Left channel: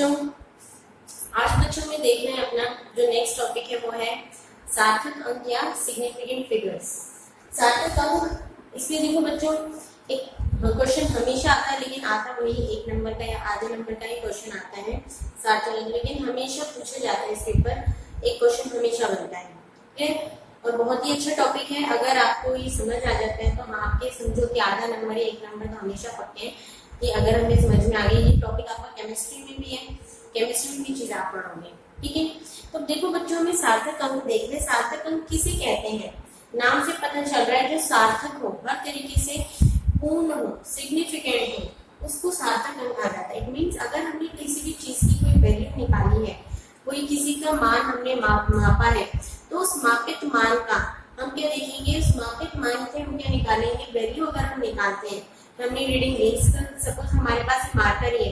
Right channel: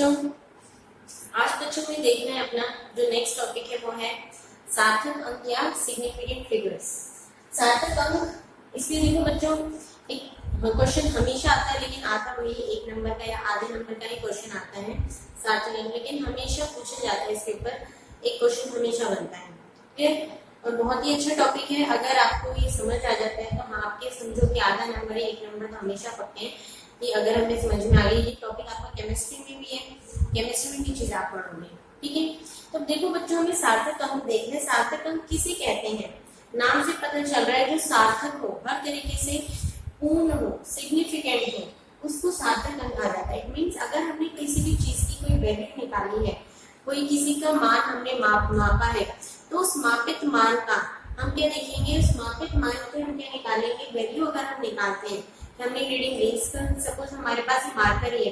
बच्चों, आज बच्चों में देखना है अपना जो नेक्स्ट टॉपिक है वो है सार्थक अंक या सिग्निफिकेंट फिगर्स। सार्थक अंक इसलिए देखो बच्चों, एक क्वेश्चन हमेशा आता है, लेकिन आता वही 1 नंबर का या आधे नंबर का ही क्वेश्चन आता है सार्थक अंक, लेकिन हमेशा पूछा जाता है इसके ऊपर एक क्वेश्चन हमेशा बनता है। ठीक है, और बहुत ही अच्छा टॉपिक है। अगर आपको ये समझ आ जाता है तो हाँ, आपके समझो कि आधा नंबर या 1 नंबर तो हमेशा पक्के हैं कि अगर हमें समझ में आ गई। ये टॉपिक आपका केमिस्ट्री में भी है, केमिस्ट्री में भी चीज आप पढ़ोगे। ठीक है, तो देखो बच्चों, हमें सार्थक अंक देखने। सार्थक अंक किसे कहते हैं? नाम से पता चल रहा है जो सार्थक हो, हर तरीके से पूर्ण हो, सिग्निफिकेंट हो, उसको सार्थक अंक कहा जाता है। इट मीन्स अगर हमने किसी भी चीज की कोई वैल्यू निकाली है, कोई किसी का मान हमने मापा है, तो उस मापित मान का हम क्या देखेंगे? उस मापित मान से हम क्या निकालेंगे? वैल्यू अगर हम निकालते हैं, हमने रीडिंग रेंज का सपोज हमारे पास मार्कर ही है,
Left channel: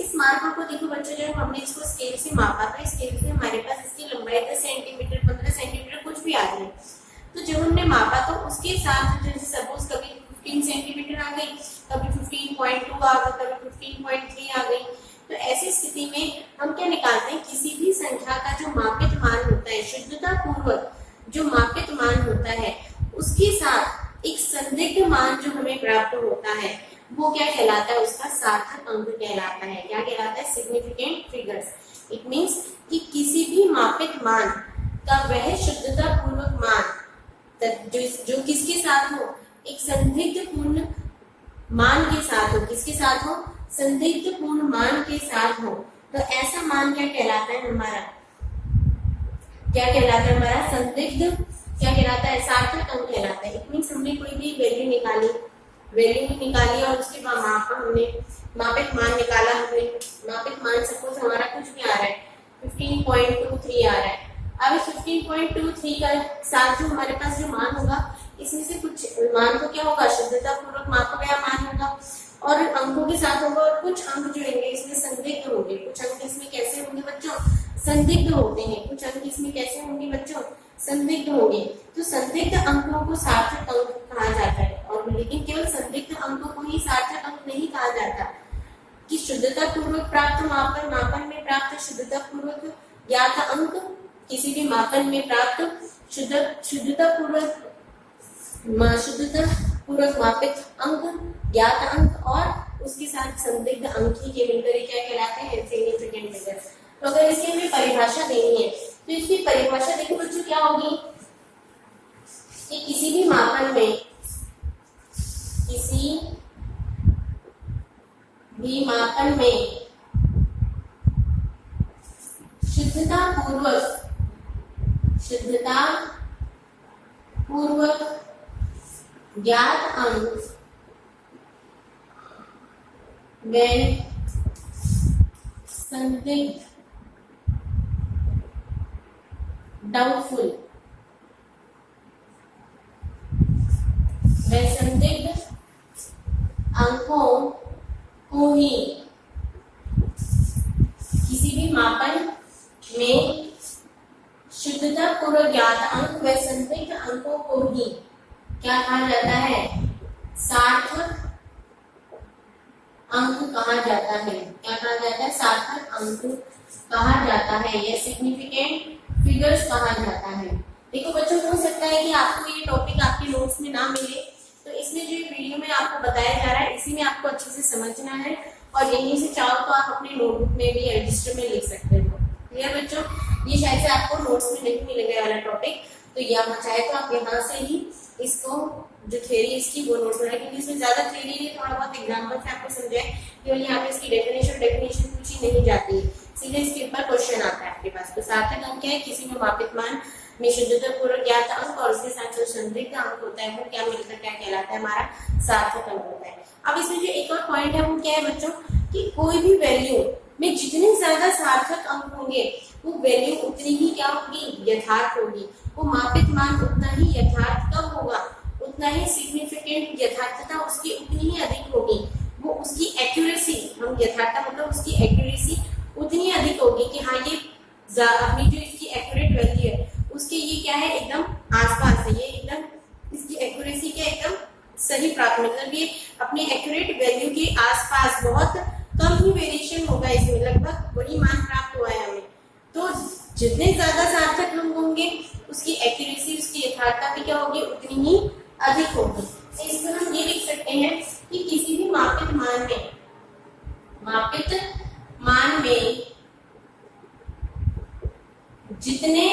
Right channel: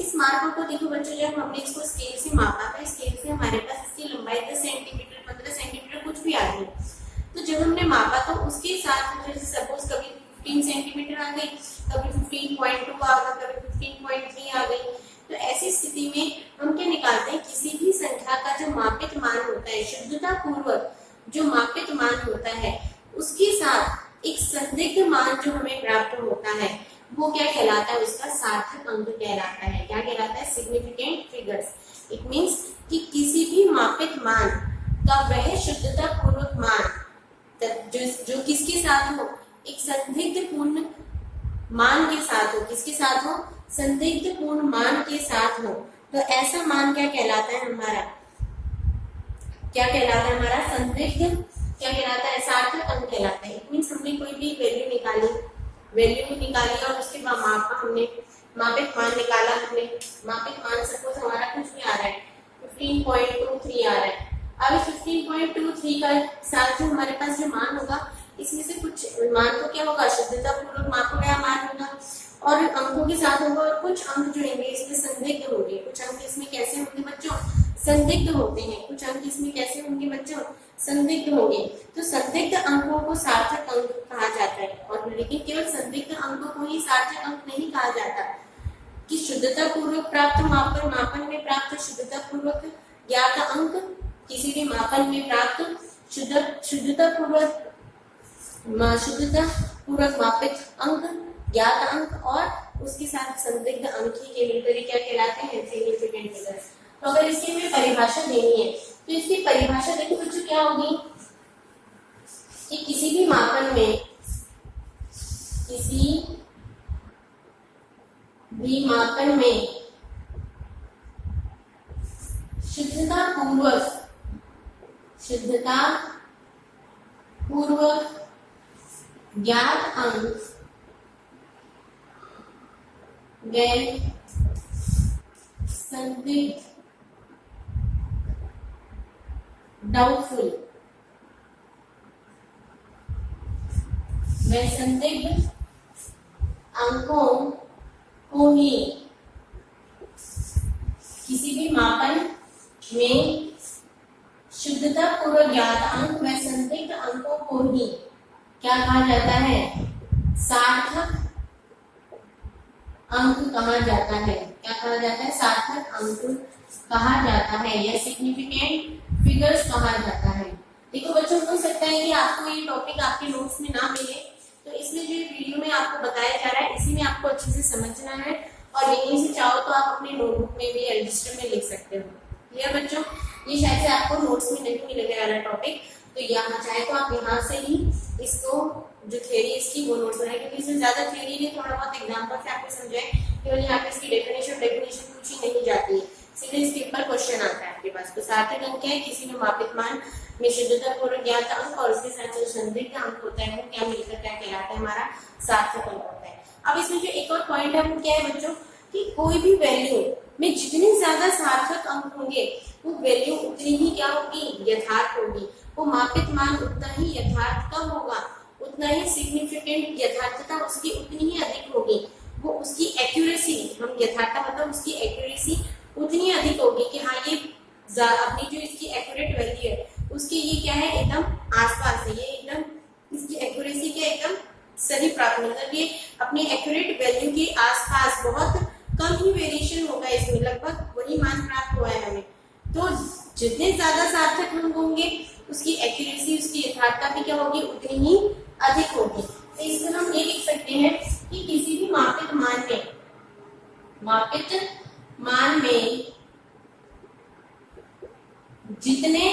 इस मार्कर को देखो बच्चों, जब हमने इसको स्केल से मापा था, स्केल से हमारे पास इसकी लंबाई 10 सेंटीमीटर 15 सेंटीमीटर कुछ भी आ रही है, तो जब हमने मापा तो उसके साथ जैसे सपोज कभी 15 सेंटीमीटर आ गई, कभी 15.2 आ गई, कभी 15.3 आ गई। तो ऐसी स्थिति में हम क्या निकालते हैं? किसी भी संख्या का जो मापित मान होता है, शुद्धता पूर्वक जो मापित मान होता है, उसके साथ एक संदिग्ध मान जो हमें प्राप्त होता है, वो क्या कहलाता है? उसका सार्थक अंक कहलाता है। क्या कहलाता है? Significant figures. इट मीन्स कि किसी भी मापित मान का वह शुद्धता पूर्वक मान जो किसके साथ हो? एक संदिग्ध पूर्ण मान के साथ हो। किसके साथ हो? संदिग्ध पूर्ण मान के साथ हो। तो ऐसा मान क्या कहलाता है? हमारा क्या कहलाता है? हमारा संदिग्ध क्या कहलाता है? सार्थक अंक कहलाता है। इट मीन्स हमने कोई भी वैल्यू निकाली और उसके बाद मापा, हमने मापित मान निकाला, हमने मापित मान सपोज हमारा कुछ भी आ रहा है 15.23 आ रहा है। अब 15.23 का साथ जो हमारे पास जो मान होगा, इसमें से कुछ मान तो क्या होगा? शुद्धता पूर्वक मापा गया मान होगा, और अंकों के साथ होगा, और कुछ अंक जो होंगे इसमें संदिग्ध होंगे। कुछ अंक इसमें कैसे होंगे बच्चों? संदिग्ध होते हैं। कुछ अंक इसमें कैसे होंगे बच्चों? संदिग्ध होंगे। तो संदिग्ध अंकों को सार्थक अंक कहा जाता है। और लेकिन केवल संदिग्ध अंकों को ही सार्थक अंक नहीं कहा जाता, कि शुद्धता पूर्वक प्राप्त मापन में प्राप्त शुद्धता पूर्वक ज्ञात अंक, किसी भी मापन में प्राप्त शुद्धता पूर्वक मापित अंक, ज्ञात अंक, और उसके साथ संदिग्ध अंक ही के मिलकर क्या कहलाते हैं? Significant figures. तो अगर इसकी हमें परिभाषा देनी है, तो इसकी परिभाषा देखो बच्चों क्या होगी कि किसी भी मापन में शुद्धता पूर्वक ज्ञात अंक व संदिग्ध डाउटफुल व संदिग्ध अंकों को ही किसी भी मापन में शुद्धता पूर्वक ज्ञात अंक व संदिग्ध अंकों को ही क्या कहा जाता है? सार्थक अंक कहा जाता है। क्या कहा जाता है? सार्थक अंक कहा जाता है या सिग्निफिकेंट फिगर्स कहा जाता है। देखो बच्चों, हो सकता है कि आपको ये टॉपिक आपके नोट्स में ना मिले, तो इसलिए जो वीडियो में आपको बताया जा रहा है, इसी में आपको अच्छे से समझना है, और यहीं से चाहो तो आप अपने नोटबुक में भी रजिस्टर में लिख सकते हो। क्लियर बच्चों? ये शायद से आपको नोट्स में नहीं मिलने वाला टॉपिक, तो यहाँ चाहे तो आप यहाँ से ही इसको जो थ्योरी इसकी वो नोट्स बनाए, क्योंकि इसमें ज्यादा थ्योरी नहीं, थोड़ा बहुत एग्जाम्पल से आपको समझाए। केवल यहाँ पे इसकी डेफिनेशन पूछी नहीं जाती है, सीधे इसके ऊपर क्वेश्चन आता है आपके पास। तो सार्थक अंक क्या है? किसी में मापित मान में शुद्धता पूर्वक ज्ञात अंक और उसके साथ जो संदिग्ध अंक होता है, वो क्या मिलकर क्या कहलाता है? हमारा सार्थक अंक होता है। अब इसमें जो एक और पॉइंट है वो क्या है बच्चों, कि कोई भी वैल्यू में जितने ज्यादा सार्थक अंक होंगे, वो वैल्यू उतनी ही क्या होगी? यथार्थ होगी। वो मापित मान उतना ही यथार्थ कब होगा? उतना ही सिग्निफिकेंट, यथार्थता उसकी उतनी ही अधिक होगी। वो उसकी एक्यूरेसी, हम यथार्थता मतलब उसकी एक्यूरेसी उतनी अधिक होगी कि हाँ, ये अपनी जो इसकी एक्यूरेट वैल्यू है उसके ये क्या है? एकदम आसपास है, ये एकदम इसकी एक्यूरेसी के एकदम सही प्राप्त, मतलब ये अपनी एक्यूरेट वैल्यू के आसपास बहुत कम ही वेरिएशन होगा इसमें, लगभग वही मान प्राप्त हुआ है हमें। तो जितने ज्यादा सार्थक अंक होंगे उसकी एक्यूरेसी, उसकी यथार्थता भी क्या होगी, उतनी ही अधिक होगी। तो इसको हम ये लिख सकते हैं कि किसी भी मापित मान में जितने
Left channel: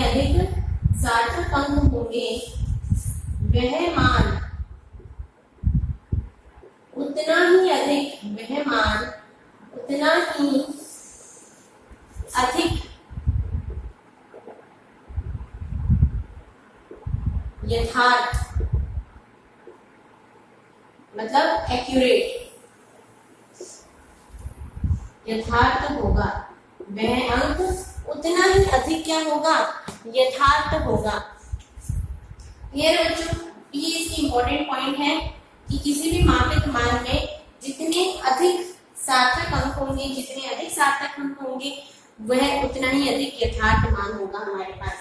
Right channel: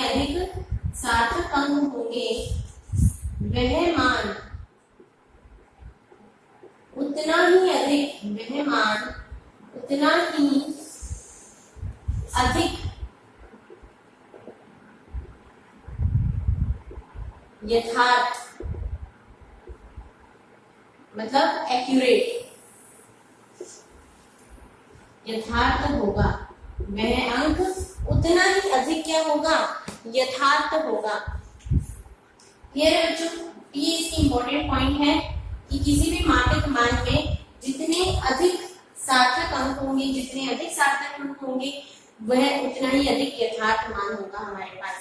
अधिक सार्थक अंक होंगे, वह मान उतना ही अधिक यथार्थ, मतलब एक्यूरेट, यथार्थ होगा। वह अंक उतना ही अधिक क्या होगा, यथार्थ होगा। ये बच्चों, ये इसकी इंपॉर्टेंट पॉइंट है कि किसी भी मापित मान में जितने अधिक सार्थक अंक होंगे वह उतना ही अधिक यथार्थ मान होगा हमारे पास।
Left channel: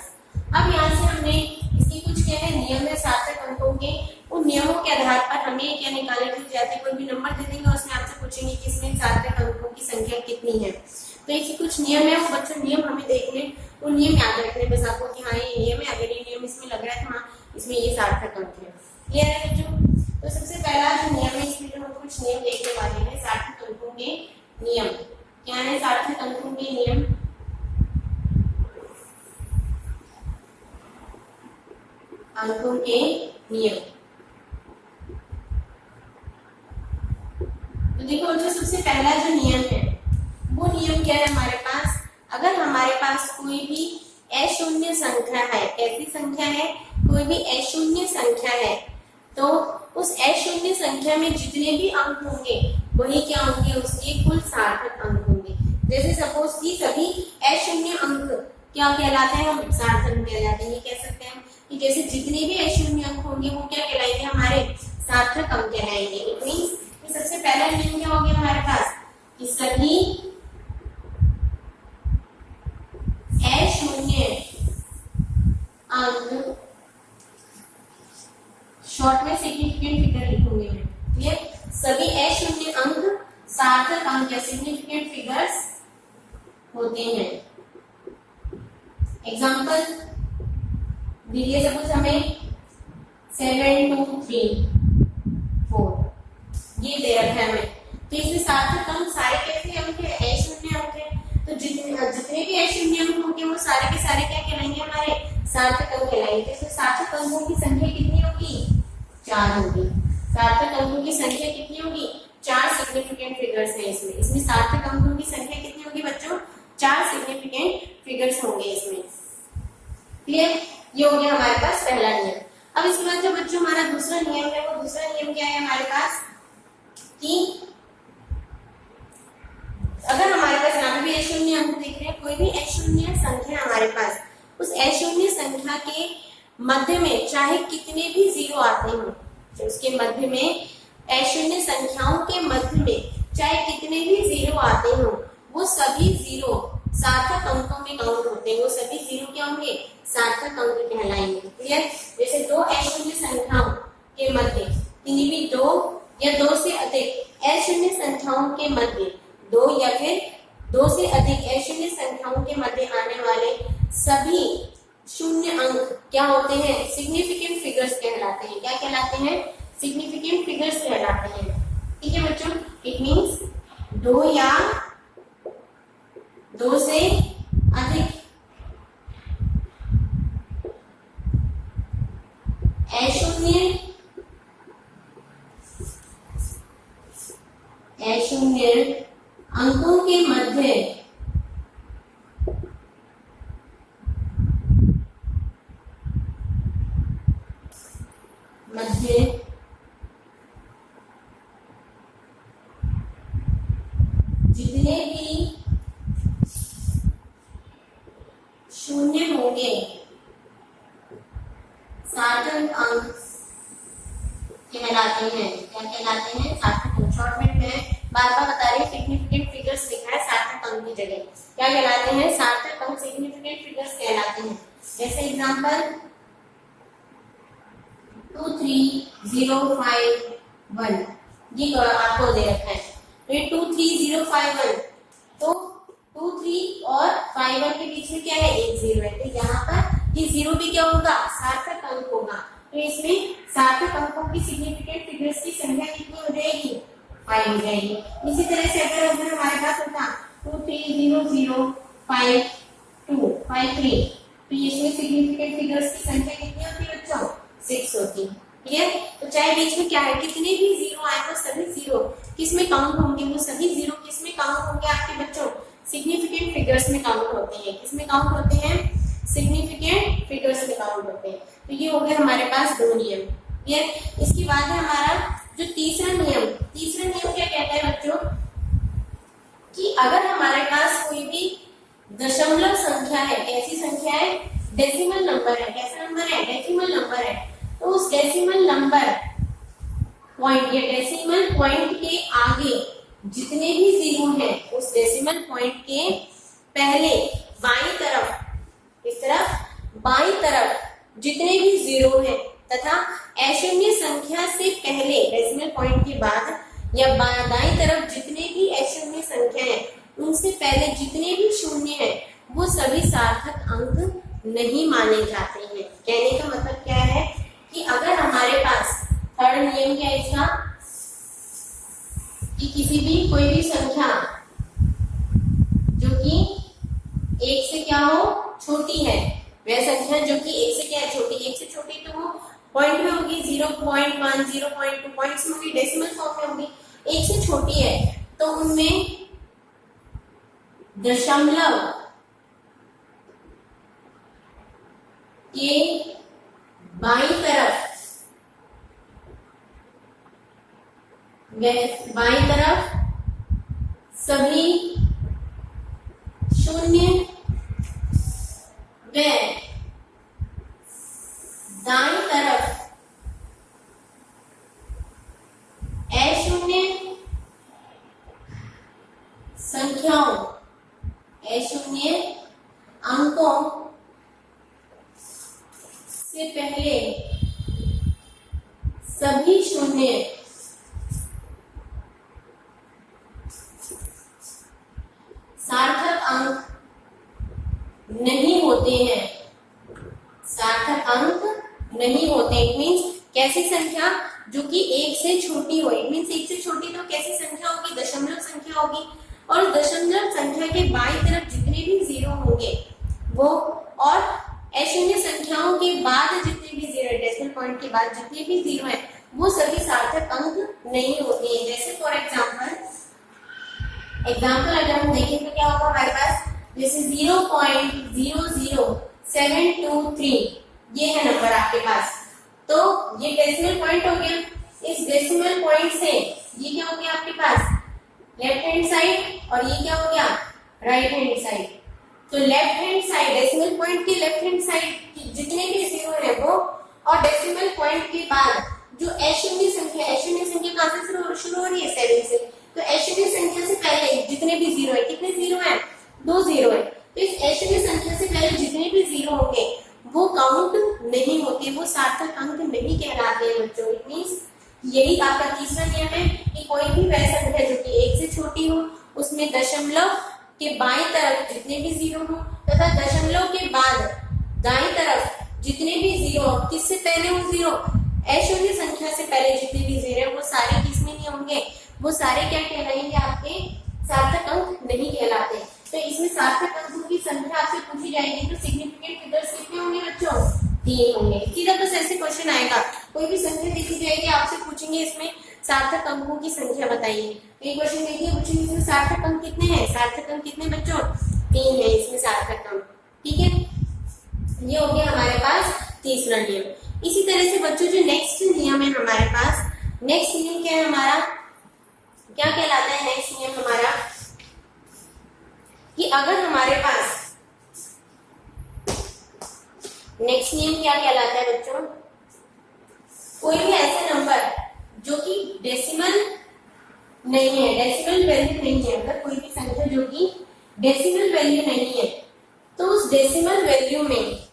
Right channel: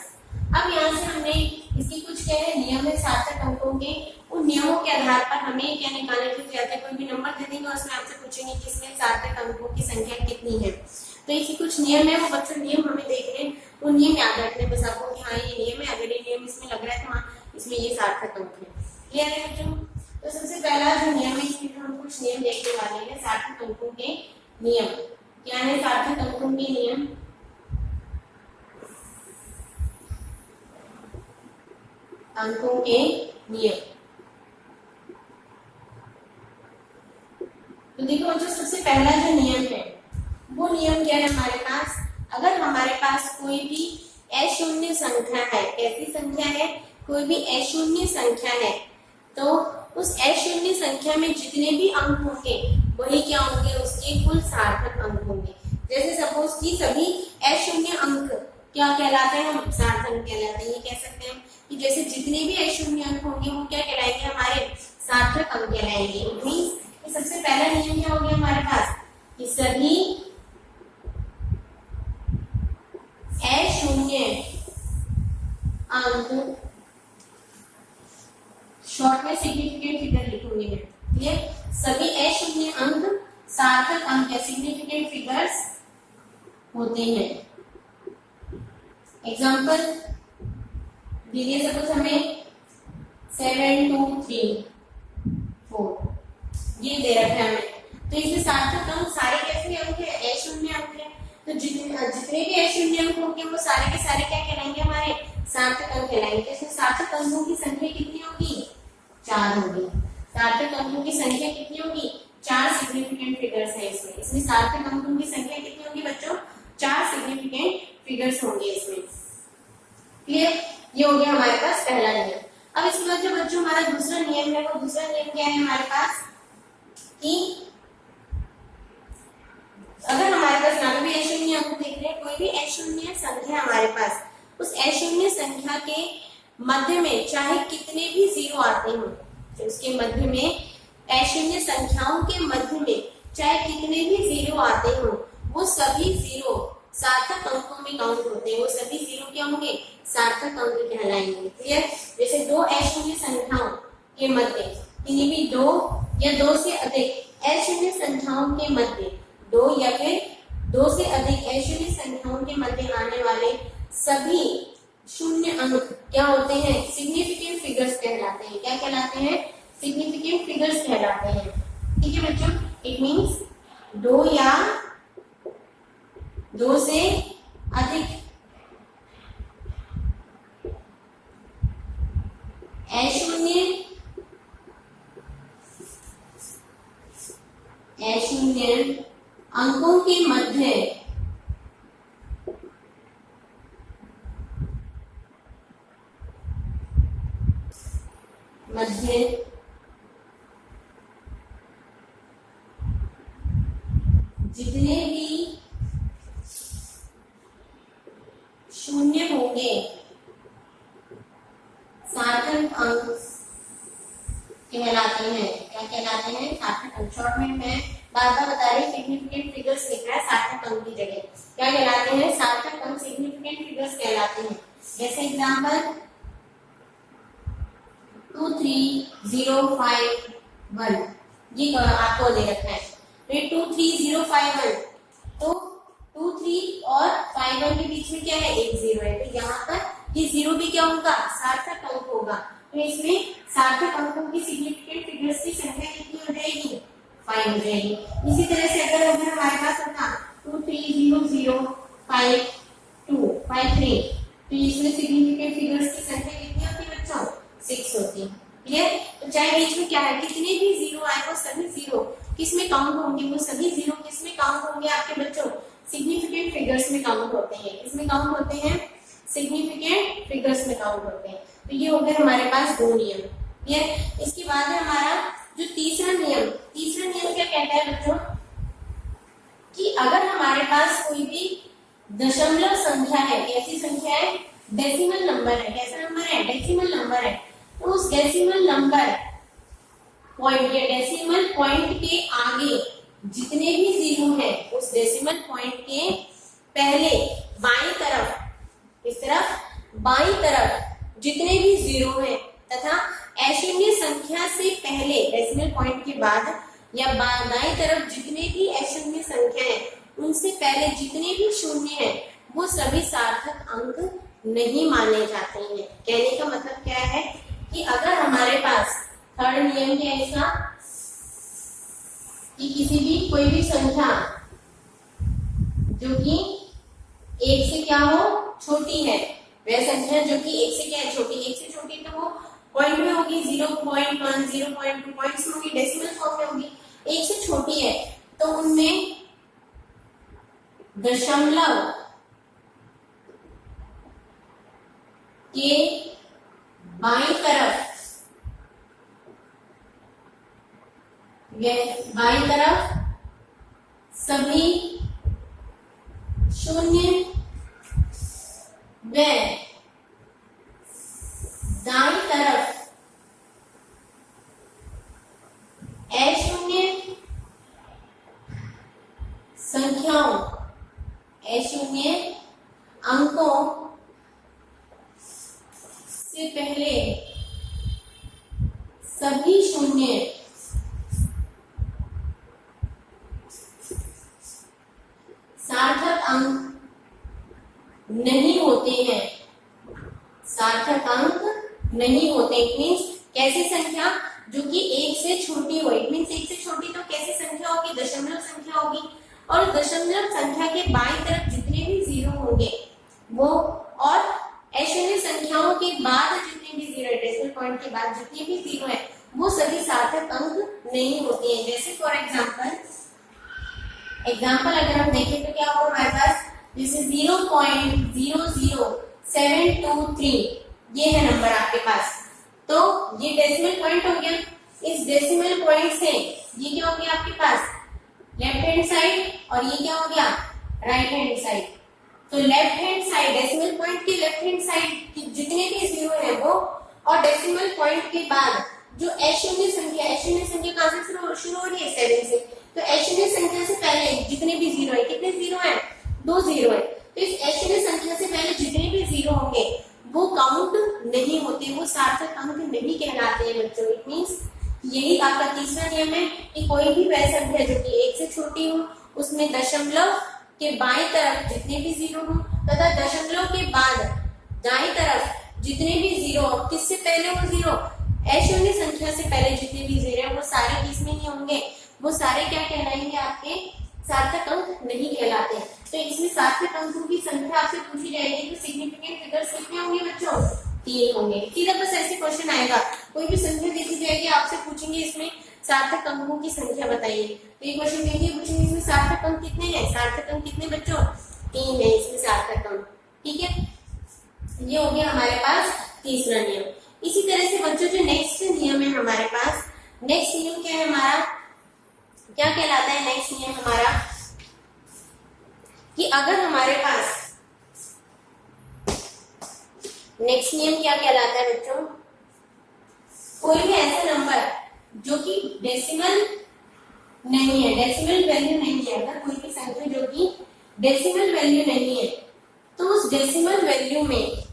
अब यहाँ से हमने इसके कुछ क्या है नियम है सार्थक अंकों के, उन नियमों के आधार पर हमें क्या निकालने की जरूरत है, कोई भी नंबर दे देंगे और उसमें आपसे पूछेंगे कि इसमें सार्थक अंकों की संख्या कितनी है। तो इसके कुछ नियम है, वो बच्चों नियम हमें देख लें, उन नियम याद रखने बस आपको कि हाँ ये नियम है, अगर ये नियम इसमें लग रहा है तो हाँ इसमें ये सार्थक अंक है। क्लियर है बच्चों? तो सबसे पहला जो नियम है, इसमें हम कुछ नियम देखने वाले हैं, सार्थक अंकों के नियम। क्या है सार्थक अंकों के नियम? अंकों के नियम। तो देखो बच्चों, सबसे पहला जो नियम है वो नियम क्या है हमारे पास, अगर हमारे पास कोई भी अशून्य संख्या है, कैसी संख्या है, कोई भी अशून्य संख्या है, तो उस अशून्य संख्या में जितने भी अंक होंगे वही क्या होंगे, उसके कुल सार्थक अंक होंगे। जैसे सपोज कि सभी अशून्य अंक क्या कहलाते हैं, हम सार्थक अंक कहलाते हैं। ये कह सकते हैं कि जैसे जितने भी अशून्य अंक होंगे वो क्या कहलाएंगे, हमारे सार्थक अंक कहलाएंगे। इट मींस कि सबसे पहला नियम क्या हो गया हमारे पास कि सभी अशून्य अंक, शॉर्ट में सिग्निफिकेंट फिगर लिखूंगी मैं, ठीक है, सभी अशून्य अंक सार्थक अंक या सिग्निफिकेंट फिगर्स होते हैं। एग्जाम्पल दीजिए, सपोज हमें 7 2 3 4 ये दे रखा है हमें, तो इसमें सार्थक अंक सारे कैसे अंक है, अशून्य अंक है। तो जितने भी अशून्य अंक होंगे वो सारे के सारे क्या कहलाएंगे, हमारे सार्थक अंक कहलाएंगे। तो इसमें सार्थक अंकों की संख्या कितनी होगी, 4 होगी। सार्थक अंकों की संख्या कितनी होगी, 4 सिग्निफिकेंट फिगर्स हैं इसमें सार्थक अंकों की संख्या कितनी होगी बच्चों, 4 सिग्निफिकेंट फिगर्स होंगे इसमें। क्लियर? ये हो गया हमारे पास पहला नियम। अब इसके बाद जो बच्चों हमारा दूसरा नियम है, वो दूसरा नियम क्या है हमारे पास कि अगर हमारे पास यहाँ भी अशून्य अंक देख रहे हैं, कोई भी अशून्य संख्या हमारे पास, उस अशून्य संख्या के मध्य में चाहे कितने भी जीरो आते हो, तो उसके मध्य में अशून्य संख्याओं के मध्य में चाहे कितने भी जीरो आते हो, वो सभी जीरो सार्थक अंकों में काउंट होते हैं। वो सभी जीरो क्या होंगे, सार्थक अंक कहलाएंगे। क्लियर? जैसे दो अशून्य संख्याओं के मध्य, किन्हीं भी दो या दो से अधिक अशून्य संख्याओं के मध्य, दो या फिर दो से अधिक अशून्य संख्याओं के मध्य आने वाले सभी शून्य अंक क्या होते हैं, सिग्निफिकेंट फिगर्स कहलाते हैं। क्या कहलाते हैं, सिग्निफिकेंट फिगर्स कहलाते हैं। ठीक है बच्चों, इट मींस दो या दो से अधिक अशून्य अंकों के मध्य जितने भी शून्य होंगे सार्थक अंक कहलाते हैं। क्या कहलाते हैं, सार्थक अंक। शॉर्ट में मैं बार बार बता रही हूँ, सिग्निफिकेंट फिगर्स लिखा है सार्थक अंक की जगह। क्या कहलाते हैं, सार्थक अंक सिग्निफिकेंट फिगर्स कहलाते हैं। जैसे एग्जांपल 23051, ये आपको दे रखा है, तो ये 23051, तो 23 और 51 के बीच में क्या है, एक जीरो है, तो यहाँ पर ये जीरो भी क्या होगा, सार्थक अंक होगा, तो इसमें सार्थक अंकों की सिग्निफिकेंट फिगर्स की संख्या कितनी हो जाएगी, 5 हो जाएगी। इसी तरह से अगर हमारे पास होता 23005253, तो इसमें सिग्निफिकेंट फिगर्स की संख्या कितनी होती है बच्चों, 6 होती है। क्लियर? तो चाहे बीच में क्या है, कितने भी जीरो आए वो सभी जीरो किसमें काउंट होंगे, वो सभी जीरो किसमें काउंट होंगे आपके बच्चों, सिग्निफिकेंट फिगर्स में काउंट होते हैं। किसमें काउंट होते हैं, सिग्निफिकेंट फिगर्स में काउंट होते हैं। तो ये हो गए हमारे पास दो नियम। क्लियर? इसके बाद है हमारा जो तीसरा नियम क्या कहता है बच्चों, कि अगर हमारे पास कोई भी दशमलव संख्या है, ऐसी संख्या है, डेसिमल नंबर है, कैसा नंबर है, डेसिमल नंबर है, तो उस डेसिमल नंबर पॉइंट या डेसिमल पॉइंट के आगे जितने भी जीरो हैं, उस डेसिमल पॉइंट के पहले बाईं तरफ, इस तरफ बाईं तरफ जितने भी जीरो हैं, तथा अशून्य संख्या से पहले डेसिमल पॉइंट के बाद या दाईं तरफ जितने भी अशून्य संख्या है, उनसे पहले जितने भी शून्य है, वो सभी सार्थक अंक नहीं माने जाते हैं। कहने का मतलब क्या है कि अगर हमारे पास थर्ड नियम क्या है इसका, कि किसी भी कोई भी संख्या जो कि एक से क्या हो, छोटी है, वह संख्या जो कि एक से क्या है, छोटी, एक से छोटी तो वो पॉइंट में होगी, 0.1 0.2 पॉइंट्स में होगी, डेसिमल फॉर्म में होगी, एक से छोटी है, तो उनमें दशमलव के बाईं तरफ सभी शून्य व दाईं तरफ अशून्य संख्याओं, अशून्य अंकों से पहले सभी शून्य सार्थक अंक नहीं होते हैं, सार्थक अंक नहीं होते। इट मीन्स कैसी संख्या, जो कि एक से छोटी हो, इट मीन्स एक से छोटी तो कैसी संख्या होगी, दशमलव संख्या होगी, और दशमलव संख्या के बाईं तरफ जितने भी जीरो होंगे वो, और अशून्य संख्याओं के बाद जितने भी जीरो, डेसिमल पॉइंट के बाद जितने भी जीरो है, वो सभी सार्थक अंक नहीं होते हैं। जैसे फॉर एग्जाम्पल अगर हम देखें तो क्या होगा हमारे पास, जैसे 0.00723 ये है नंबर आपके पास, तो ये डेसिमल पॉइंट हो गया। इस डेसिमल पॉइंट से ये क्या हो गया आपके पास, लेफ्ट हैंड साइड, और ये क्या हो गया, राइट हैंड साइड। तो left hand side, decimal point की लेफ्ट हैंड साइड जितने भी जीरो है वो, और डेसिमल पॉइंट के बाद जो अशून्य संख्या कहां से शुरू हो रही है, 7 से, तो अशून्य संख्या से पहले जितने भी जीरो है, कितने जीरो है, 2 जीरो है, तो इस अशून्य संख्या से पहले जितने भी जीरो होंगे वो काउंट नहीं होते, वो सार्थक अंक नहीं कहलाते हैं बच्चों। इट मीन्स यही आपका तीसरा नियम है कि कोई भी वह संख्या जो कि एक से छोटी हो, उसमें दशमलव के बाईं तरफ जितने भी जीरो हो, तथा दशमलव के बाद दाईं तरफ जितने भी जीरो, किससे पहले हो जीरो, अशून्य संख्या से पहले जितने भी जीरो वो सारे किसमें नहीं होंगे, वो सारे क्या कहलाएंगे, आपके सार्थक अंक नहीं कहलाते। तो इसमें सार्थक अंकों की संख्या आपसे पूछी जाएगी, तो सिग्निफिकेंट फिगर्स कितने होंगे बच्चों, 3 होंगे। सीधा बस ऐसे क्वेश्चन आएगा, कोई भी संख्या देखी जाएगी, आपसे पूछेंगे इसमें सार्थक अंकों की संख्या बताइए, तो ये क्वेश्चन देखिए, पूछेंगे इसमें सार्थक अंक कितने हैं, सार्थक अंक कितने बच्चों, 3 है इसमें सार्थक अंक। ठीक है, ये हो गया हमारे पास तीसरा नियम। इसी तरह से बच्चों जो नेक्स्ट नियम है हमारे पास, नेक्स्ट नियम क्या है हमारा, क्या कहलाता है नेक्स्ट नियम हमारा, कि अगर हमारे पास, नेक्स्ट नियम क्या कहलाता है बच्चों, कोई भी ऐसा नंबर जो कि डेसिमल नहीं है, डेसिमल वैल्यू नहीं है, अगर कोई भी संख्या जो कि डेसिमल वैल्यू नहीं है, तो उस डेसिमल वैल्यू में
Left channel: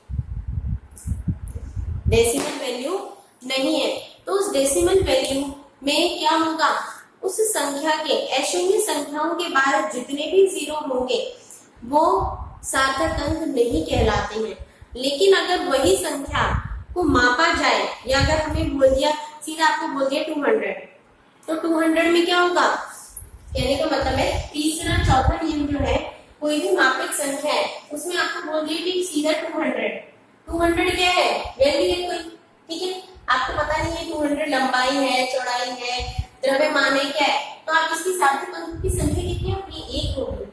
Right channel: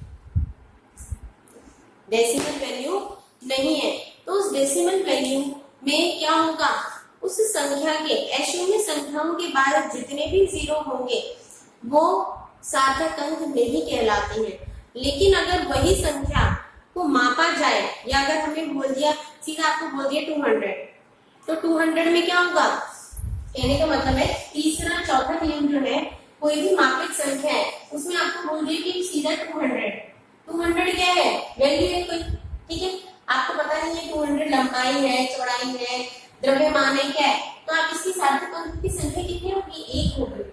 डेसिमल वैल्यू नहीं है। तो उस डेसिमल वैल्यू में क्या होगा, उस संख्या के अशून्य संख्याओं के बाद जितने भी जीरो होंगे वो सार्थक अंक नहीं कहलाते हैं। लेकिन अगर वही संख्या को मापा जाए, या अगर हमें बोल दिया, सीधा आपको बोल दिया 200, तो 200 में क्या होगा, कहने का मतलब है तीसरा चौथा नियम जो है, कोई भी मापित संख्या है उसमें आपको बोल दिया कि सीधा 200 क्या है, वैल्यू है कोई, ठीक है। आपको पता नहीं है 200 लंबाई है, चौड़ाई है, द्रव्यमान है, क्या है, तो आप इसकी सार्थक अंक की संख्या कितनी होगी, 1 होगी।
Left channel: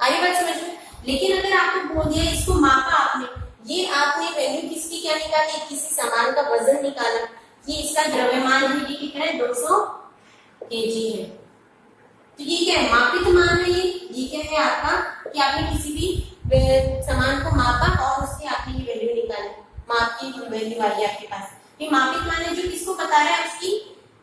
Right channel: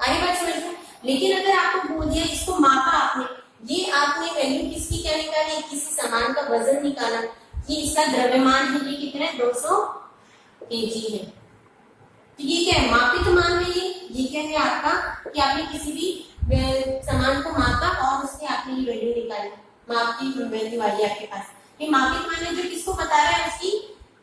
आगे बात समझ में। लेकिन अगर आपको बोल दिया, इसको मापा आपने, ये आपने वैल्यू किसकी क्या निकाली, किसी सामान का वजन निकाला, ये इसका द्रव्यमान है, ये कितना है 200 केजी है, तो ये क्या है, मापित मान है। ये क्या है आपका, कि आपने किसी भी सामान को मापा और उसके आपने ये वैल्यू निकाली, माप की वैल्यू आई आपके पास। ये मापित मान है जो किसको बता रहा है, उसकी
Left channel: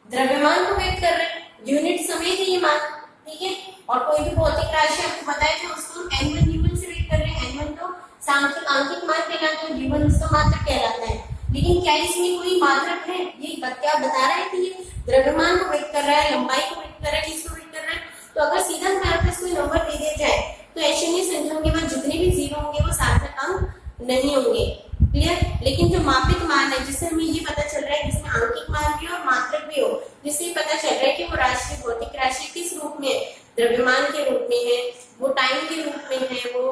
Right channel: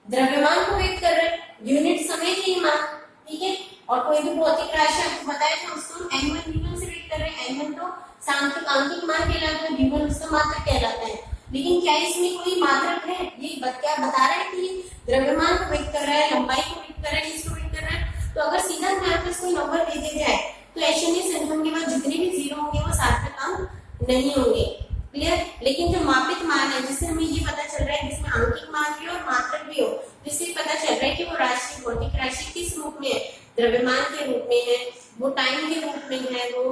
द्रव्यमान को व्यक्त कर रहे हैं, यूनिट समेत ये मान, ठीक है। और कोई भी भौतिक राशि आपको बताया तो उसको n1 u1 से व्यक्त कर रहे हैं। n1 तो सांख्यिक आंकिक मान कहलाता है, u1 उसका मात्रक कहलाता है। लेकिन क्या इसमें कोई मात्रक है, ये क्या बता रहा है कि ये द्रव्यमान को व्यक्त कर रहा है, लंबाई को व्यक्त कर रहा है, इसको व्यक्त कर रहा है। तो अगर सीधा हमारे पास कोई नंबर दे दिया जाए तो अशून्य संख्याओं के बाद जितने भी जीरो होंगे वो सार्थक अंक नहीं होंगे, क्लियर। लेकिन जो मापित मान है, जिससे हमें ये पता चल रहा है, जिसमें आंकिक मान भी हो और मात्रक भी हो, जिससे पता चल रहा है कि वो राशि, भौतिक राशि किस रूप में है, द्रव्यमान के रूप में है, वो टाइम के रूप में है, वो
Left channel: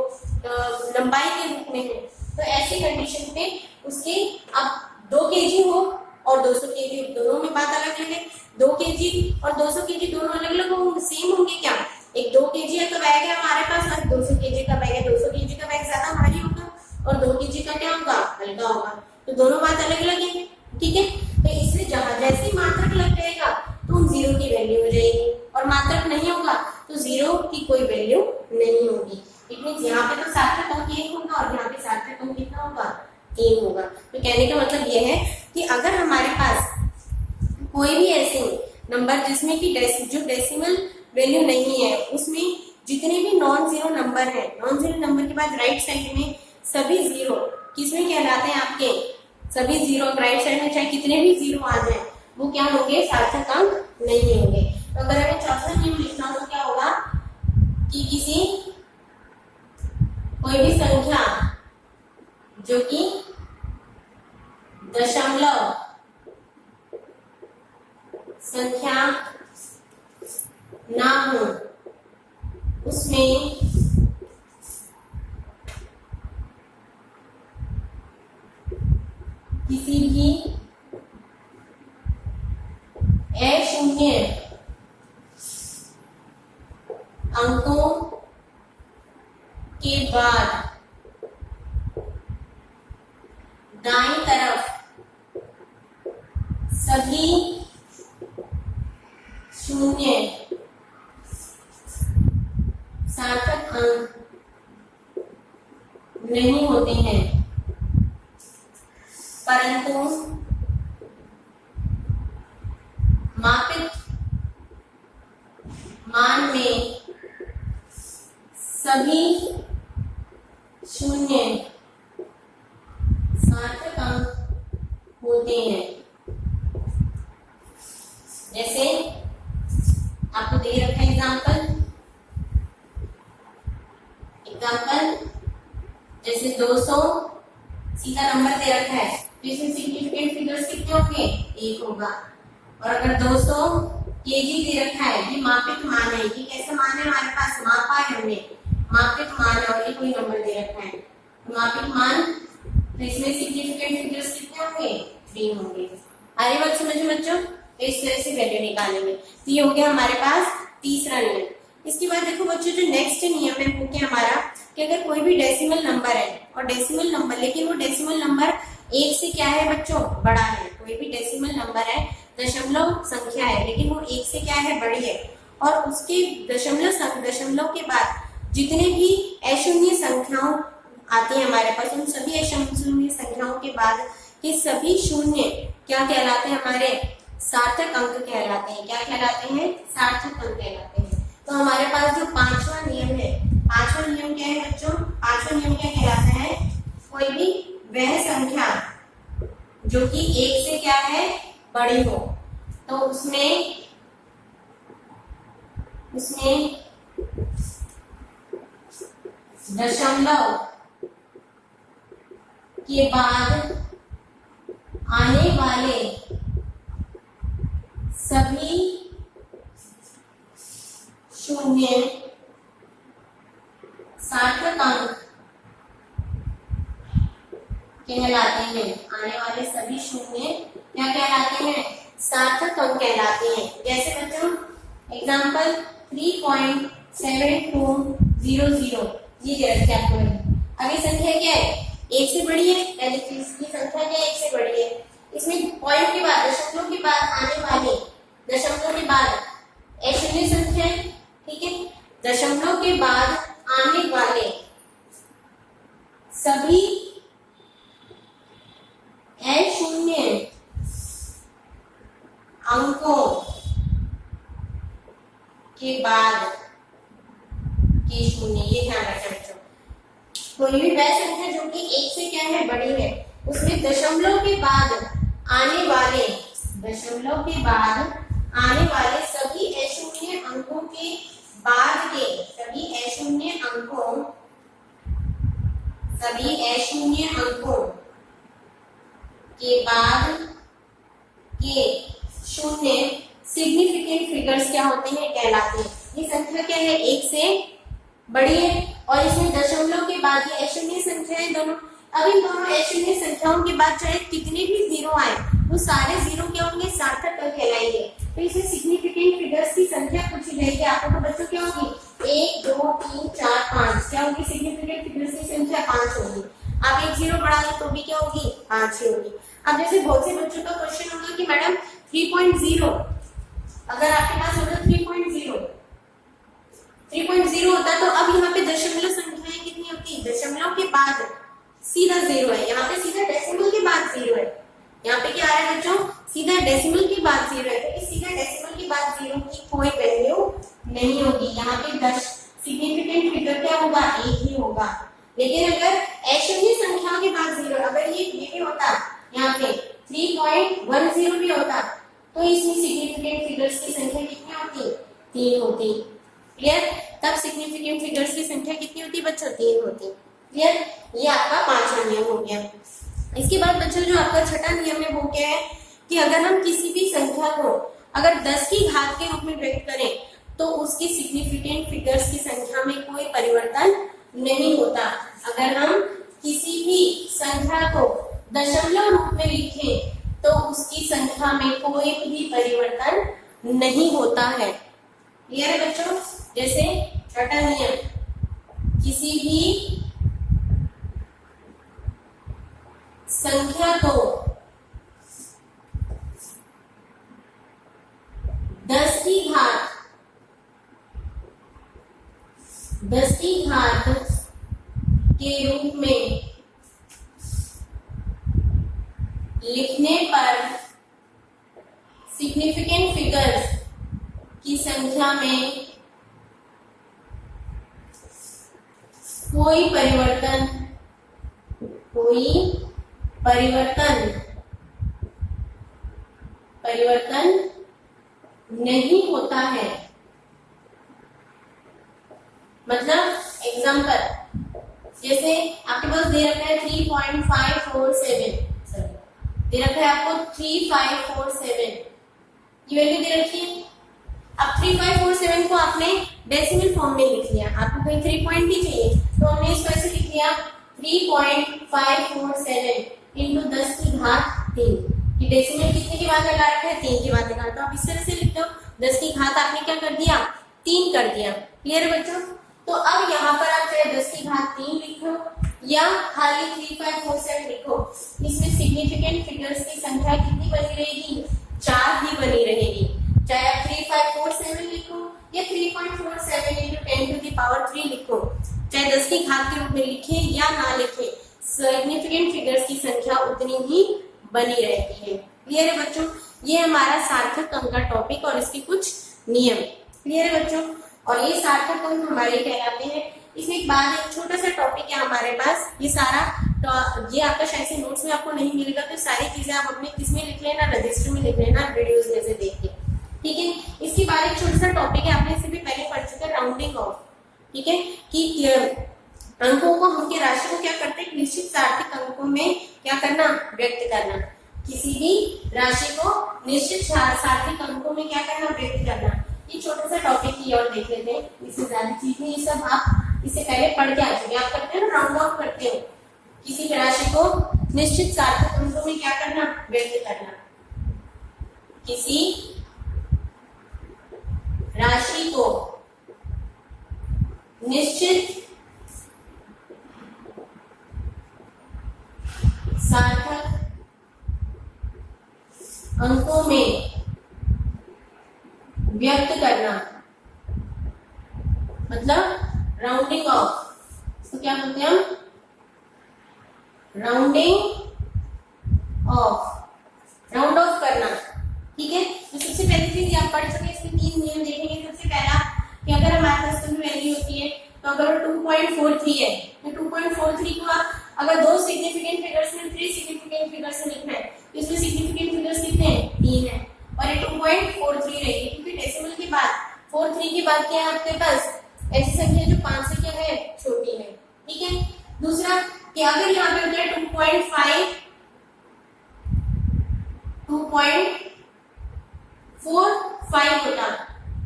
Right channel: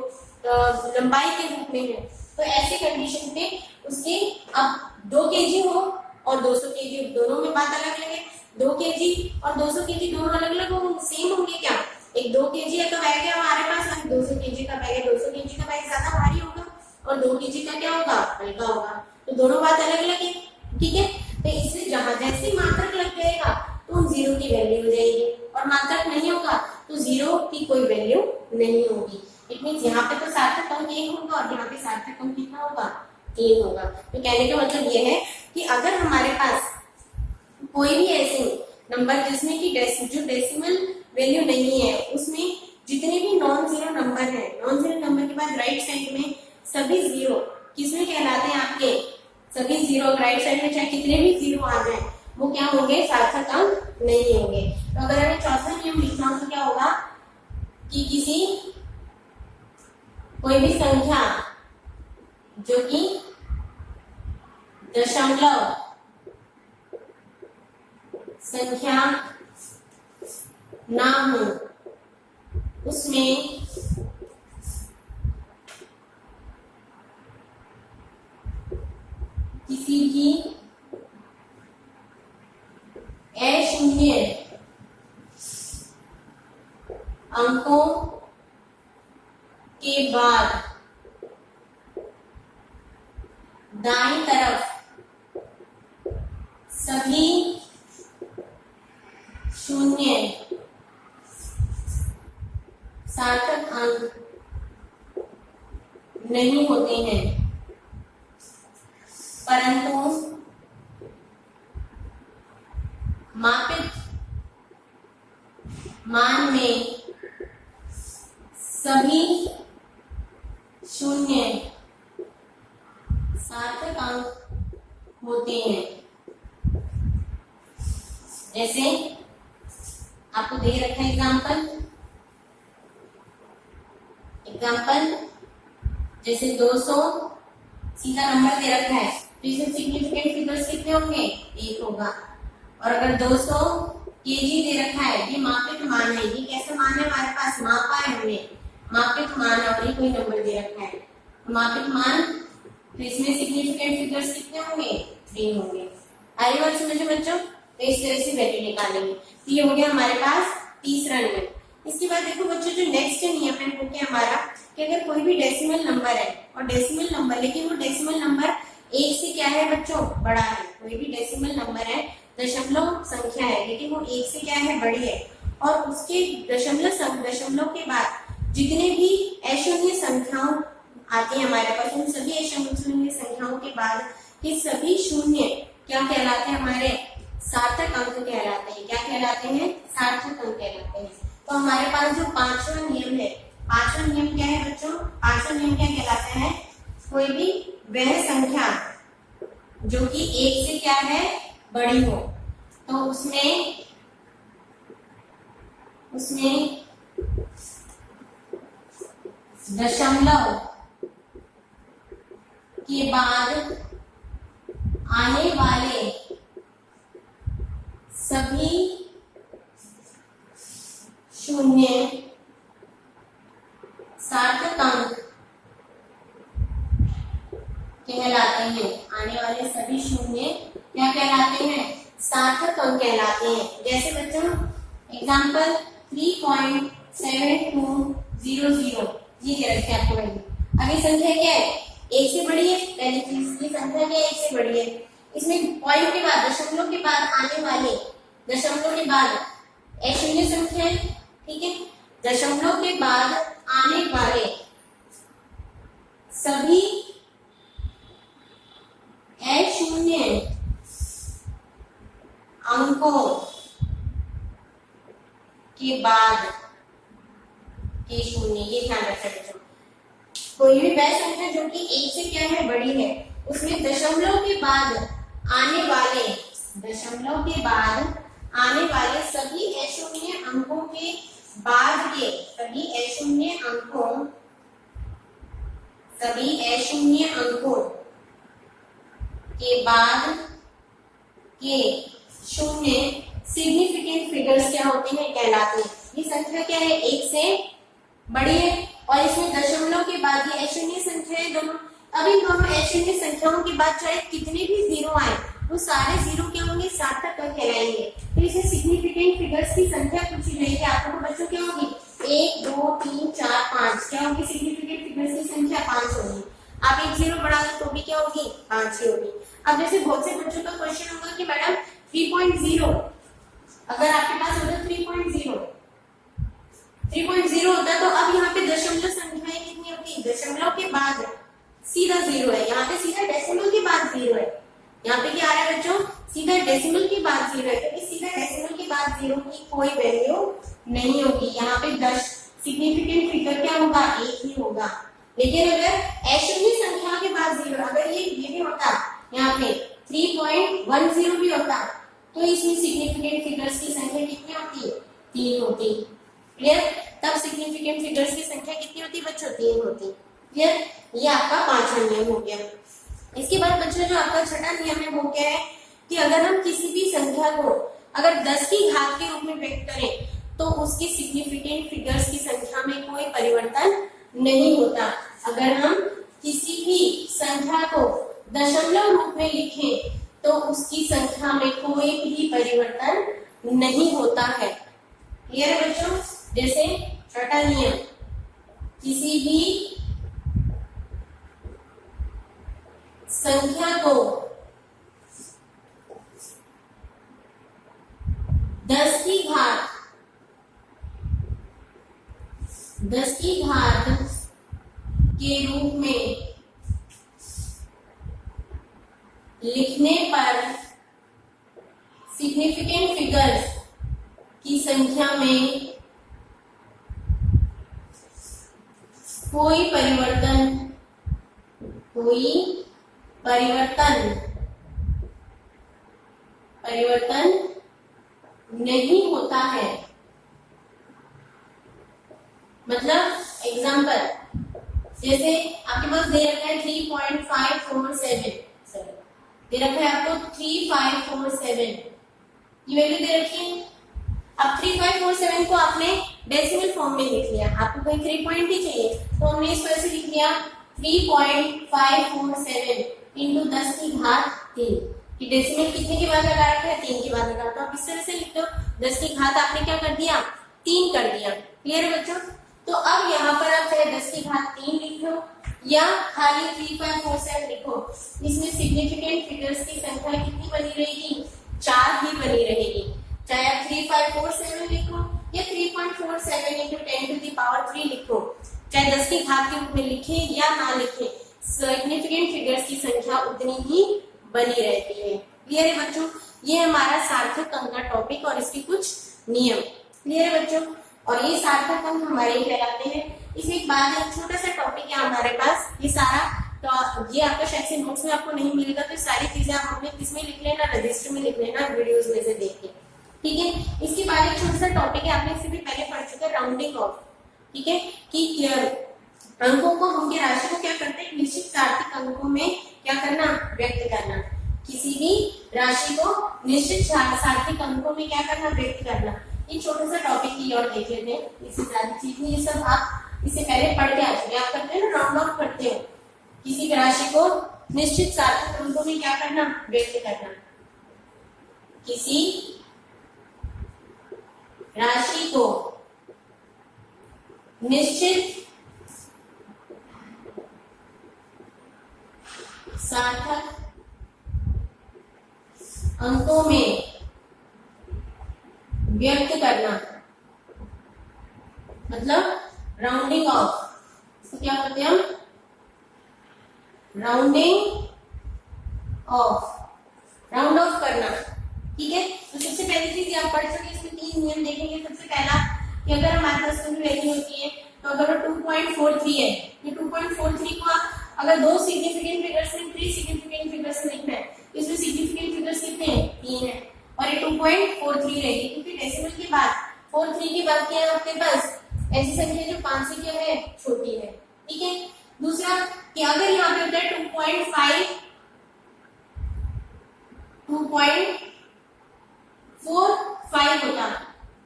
लंबाई के रूप में है। तो ऐसी कंडीशन पे उसके अब 2 केजी हो और 200 केजी, दोनों में बात अलग अलग है। 2 केजी और 200 केजी दोनों अलग अलग होंगे, सेम होंगे क्या, एक 2 केजी है तो बैग है हमारे पास, और 200 केजी का बैग है, 200 केजी का बैग ज्यादा भारी होगा और 2 केजी का क्या होगा, हल्का होगा। तो दोनों बात अलग अलग है, ठीक है। तो इसलिए जहां जैसे ही मात्रक लग जाएगा तो उन जीरो की वैल्यू हो जाएगी, और मात्रक नहीं होगा तो जीरो की कोई वैल्यू नहीं होगी। इट मींस यहाँ पे तो सार्थक अंक 1 होगा और यहाँ पे सार्थक अंक कितना होगा, 3 होगा। तो कहने का मतलब यह है कि अगर हमारे पास कोई भी ऐसे नंबर जिसमें कि जो डेसिमल वैल्यू नहीं है, उसमें जितने भी नॉन जीरो नंबर है, नॉन जीरो नंबर के बाद राइट साइड में सभी जीरो किसमें कहलाते हैं, आपके सभी जीरो राइट साइड में चाहे कितने भी जीरो आ जाए वो क्या होंगे, सार्थक अंक नहीं होंगे। तो अगर हमें चौथा नियम लिखना हो तो क्या होगा कि किसी कोई भी संख्या जो कि दशमलव संख्या ना हो उसमें किसी भी अशून्य अंकों के बाद दाईं तरफ सभी शून्य सार्थक अंक नहीं होते हैं, परंतु मापित मान में सभी शून्य सार्थक अंक होते हैं। जैसे आपको दे रखा है एग्जाम्पल, जैसे 200 सीधा नंबर दे रखा है तो इसमें सिग्निफिकेंट फिगर्स कितने होंगे, 1 होगा। और अगर 200 केजी दे रखा है, ये मापित मान है, ये कैसा मान है हमारे पास, मापा है हमने, मापित मान है और ये कोई नंबर दे रखा है तो मापित मान, तो इसमें सिग्निफिकेंट फिगर्स कितने होंगे, 3 होंगे। आगे बात समझे बच्चों, तो इस तरह से वैल्यू निकालेंगे। तो ये हो गया हमारे पास तीसरा नियम। इसके बाद देखो बच्चों, जो नेक्स्ट नियम है वो क्या हमारा, कि अगर कोई भी डेसिमल नंबर है और डेसिमल नंबर, लेकिन वो डेसिमल नंबर 1 से क्या है बच्चों, बड़ा है। कोई भी डेसिमल नंबर है, दशमलव संख्या है, लेकिन वो 1 से क्या है, बड़ी है, और उसके दशमलव के बाद जितने भी अशून्य संख्याओं आती है हमारे पास, उन सभी अशून्य संख्याओं के बाद के सभी शून्य क्या कहलाते हैं, हमारे सार्थक अंक कहलाते हैं। क्या कहलाते हैं, सार्थक अंक कहलाते हैं। तो हमारे पास जो 5वां नियम है, 5वां नियम क्या है बच्चों, 5वां नियम क्या कहलाता है, कोई भी वह संख्या जो कि 1 से क्या है बड़ी हो, तो उसमें दशमलव के बाद आने वाले सभी शून्य सार्थक अंक कहलाते हैं। आने वाले सभी शून्य क्या कहलाते हैं? सार्थक अंक कहलाते हैं। जैसे बच्चों एग्जाम्पल 3.7200 ये दे रखे आपको वही। अब ये संख्या क्या है? 1 से बड़ी है। पहली चीज की संख्या क्या है? 1 से बड़ी है। इसमें पॉइंट के बाद दशमलव के बाद आने वाले दशमलव के बाद अशून्य संख्या है, ठीक है। दशमलव के बाद आने वाले सभी अशून्य अंकों के बाद के शून्य, ये ध्यान रखें बच्चों। कोई भी वह संख्या जो कि 1 से क्या है बड़ी है, उसमें दशमलव के बाद आने वाले सभी अशून्य अंकों के बाद के सभी अशून्य अंकों के बाद के शून्य सिग्निफिकेंट फिगर्स क्या होते हैं? कहलाते हैं। ये संख्या क्या है? 1 से बड़ी है और इसमें दशमलव के बाद ये अशून्य संख्या है दोनों। अब इन दोनों अशून्य संख्याओं के बाद चाहे कितने भी जीरो आए, वो सारे जीरो क्या होंगे? सार्थक अंक कहलाएंगे। तो इसमें सिग्निफिकेंट फिगर्स की संख्या पूछी जाएगी आपको, तो बच्चों क्या होगी? 1 2 3 4 5 क्या होगी? सिग्निफिकेंट फिगर्स की संख्या 5 होगी। आप एक जीरो बढ़ा दो तो भी क्या होगी? 5 ही होगी। अब जैसे बहुत से बच्चों का क्वेश्चन होगा कि मैडम 3.0, अगर आपके पास होता 3.0 होता तो अब यहाँ पे दशमलव संख्याएं कितनी होती? दशमलव के बाद सीधा जीरो है, यहाँ पे सीधा डेसिमल के बाद जीरो है। यहाँ पे क्या आ रहा है बच्चों? सीधा डेसिमल के बाद जीरो है, तो इस सीधा डेसिमल के बाद जीरो की कोई वैल्यू नहीं होगी। यहाँ पे सिग्निफिकेंट फिगर क्या होगा? 1 ही होगा। लेकिन अगर अशून्य संख्या के बाद जीरो, अगर ये भी होता यहाँ पे 3.10 भी होता, तो इसमें सिग्निफिकेंट फिगर्स की संख्या कितनी होती? 3 होती। क्लियर? तब सिग्निफिकेंट फिगर्स की संख्या कितनी होती बच्चों? 3 होती। क्लियर? ये आपका 5वां नियम हो गया। इसके बाद बच्चों जो आपका छठा नियम है वो क्या है कि अगर हम किसी भी संख्या को अगर 10 की घात के रूप में व्यक्त करें तो उसकी सिग्निफिकेंट फिगर्स की संख्या में कोई परिवर्तन नहीं होता। अगर हम किसी भी संख्या को दशमलव रूप में लिखें तो उसकी संख्या में कोई भी परिवर्तन नहीं होता है। क्लियर है बच्चों? जैसे छठा नियम, किसी भी संख्या को 10 की घात के रूप में लिखने पर सिग्निफिकेंट फिगर्स की संख्या में कोई परिवर्तन नहीं होता है। मतलब एग्जांपल, जैसे आपके पास दे रखा है 3.547, दे रखा है आपको 3547, ये वैल्यू दे रखी है। अब 3547 को आपने डेसिमल फॉर्म में लिख लिया, आपको कहीं 3 पॉइंट ही चाहिए तो हमने इस तरह से लिख लिया 3.547 इंटू 10 की घात 3, कि डेसिमल कितने के बाद लगा रखा है? 3 के बाद लगा। तो आप इस तरह से लिख दो, 10 की घात आपने क्या कर दिया? 3 कर दिया। क्लियर बच्चों? तो अब यहाँ पर आप चाहे 10 की घात 3 लिखो या खाली 3547 लिखो, इसमें सिग्निफिकेंट फिगर्स की संख्या कितनी बनी रहेगी? 4 ही बनी रहेगी। चाहे आप 3547 लिखो या 3.47 इंटू 10 टू द पावर 3 लिखो, चाहे 10 की घात के रूप में लिखे या ना लिखे, सिग्निफिकेंट फिगर्स की संख्या उतनी ही बनी रहती है। क्लियर है बच्चों? ये हमारा सार्थक अंक का टॉपिक और इसके कुछ नियम। क्लियर है बच्चों? और ये सार्थक अंक हमारे कहलाते हैं। इसमें एक बात, एक छोटा सा टॉपिक है हमारे पास, ये सारा तो ये आपका शायद से नोट्स में आपको नहीं मिलेगा, तो सारी चीजें आप अपने किस में लिख लेना, रजिस्टर में लिख लेना वीडियोस में से देख के, ठीक है। इसके बाद एक छोटा सा टॉपिक है, आपने इसे भी पहले पढ़ चुके हैं, राउंडिंग ऑफ, ठीक है, कि अंकों को हम राशि को क्या करते हैं, निश्चित सार्थक अंकों में क्या करना, व्यक्त करना। किसी भी राशि को निश्चित सार्थक अंकों में क्या करना, व्यक्त करना। ये छोटा सा टॉपिक की और देख लेते हैं, इससे ज्यादा चीज नहीं, ये सब आप इससे पहले पढ़ के आ चुके। आप करते हैं ना, राउंड ऑफ करते हो, किसी भी राशि को निश्चित सार्थक अंकों में क्या करना, व्यक्त करना। किसी राशि को निश्चित सार्थक अंकों में व्यक्त करना, मतलब राउंडिंग ऑफ, इसको क्या बोलते हैं हम, राउंडिंग ऑफ, राउंड ऑफ करना, ठीक है। तो सबसे पहली चीज आप पढ़ सके, इसमें 3 नियम देखेंगे। सबसे पहला कि अगर हमारे पास कोई वैल्यू होती है, तो अगर वो 2.43 है, तो 2.43 को अगर 2 सिग्निफिकेंट फिगर्स में 3 सिग्निफिकेंट फिगर्स में लिखना है, तो इसमें सिग्निफिकेंट फिगर्स कितने हैं, 3 है, और ये 2.43 रहेगी, क्योंकि डेसिमल के बाद 43 के बाद क्या है आपके पास, ऐसी संख्या जो 5 से क्या है, छोटी है, ठीक है। दूसरा कि अगर यहाँ पे होता है 2.45 होता,